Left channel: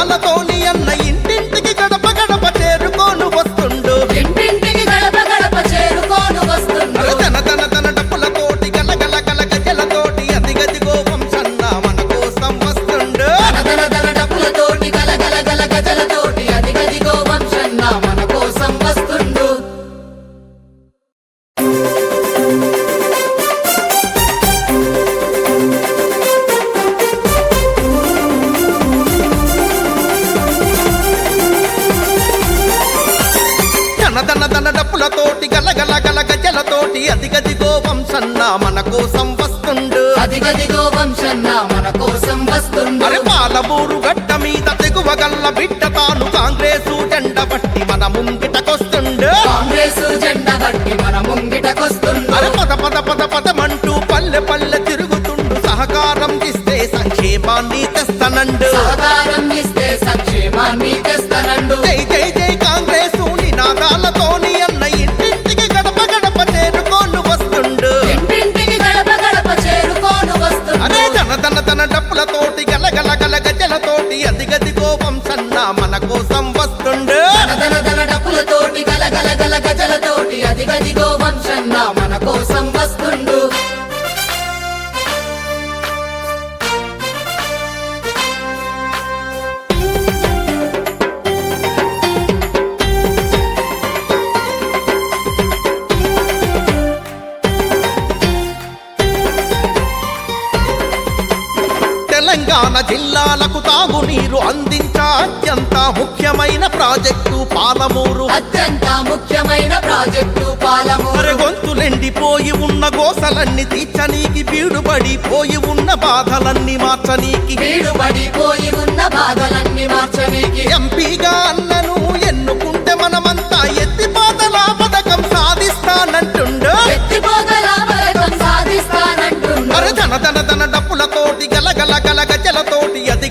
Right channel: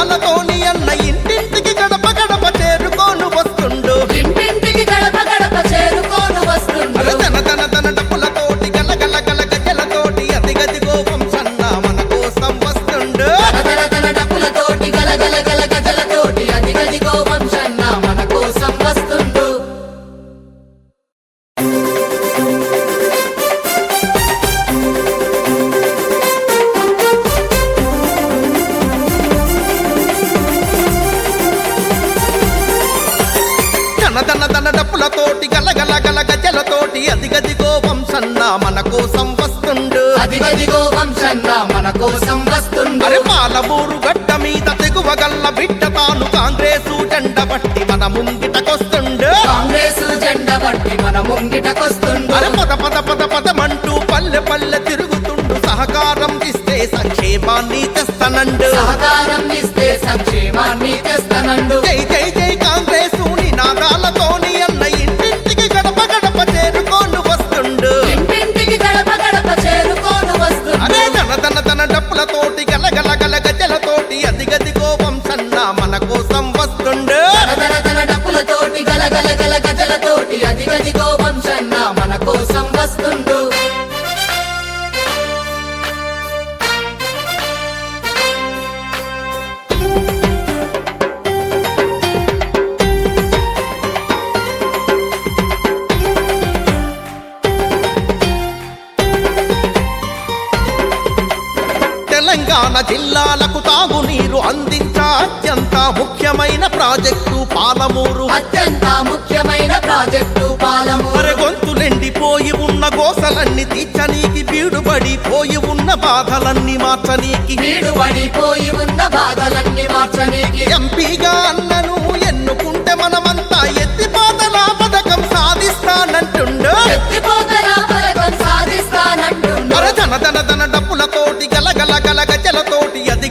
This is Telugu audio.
నినాదాలతోని అన్న ఇంటింటికి గడప గడప చేరుకోను వస్తుండు. అరే తన తన తన డప్పులతోటి గల గల గల గజలతోటి అది గదిగో వంశన్న మన కోసం వస్తుండు తన తన డప్పులతోటి గల గల గల గజలతోటి అది గదిగో వంశన్న మన కోసం వస్తుండు. అది గదిగో వంశన్న మన కోసం వస్తుండు. అరే పాలమూరు గడ్డ మీద తెగువ గల్ల బిడ్డ తాను కాంగ్రెసు జెండ బట్టి మన ముంగిటకొస్తుండు. కాంగ్రెస్ జెండ బట్టి మన ముంగిటకొస్తుండు. అరే పద పద పద పదమంటూ పల్లె పల్లె తిరుగుతుండు. సహకారం ఇస్తే సంక్షేమాన్ని తెస్తనండు. సహకారం ఇస్తే సంక్షేమాన్ని తెస్తనండు. తన తన తన డప్పులతోటి గల గల గల గజలతోటి అది కోపం సన్న మన కోసం వస్తుండు. తన తన డప్పులతోటి గల గల గల గజలతోటి అది తెలంగాణ జిల్లాలకు తాగునీరు అందించా అత్యంత ముఖ్యమైన ప్రాజెక్టు పాలమూరు. అత్యంత ముఖ్యమైన ప్రాజెక్టు పాలము అరే గొంతులెండిపోయి ఉన్న గోసలన్నీ తీర్చనీకి బీడుబడిపోయి ఉన్న బాధలన్నీ మార్చనీకి. వీడు పడిపోయి ఉన్న బాధలన్నీ మార్చనీకి. ఎంపీగా అన్నను ఎన్నుకుంటే మనమంతా సాధిస్తానంటుండు అరే ధన ధన ధన డప్పులతోటి గల గల గల గజలతోటి అది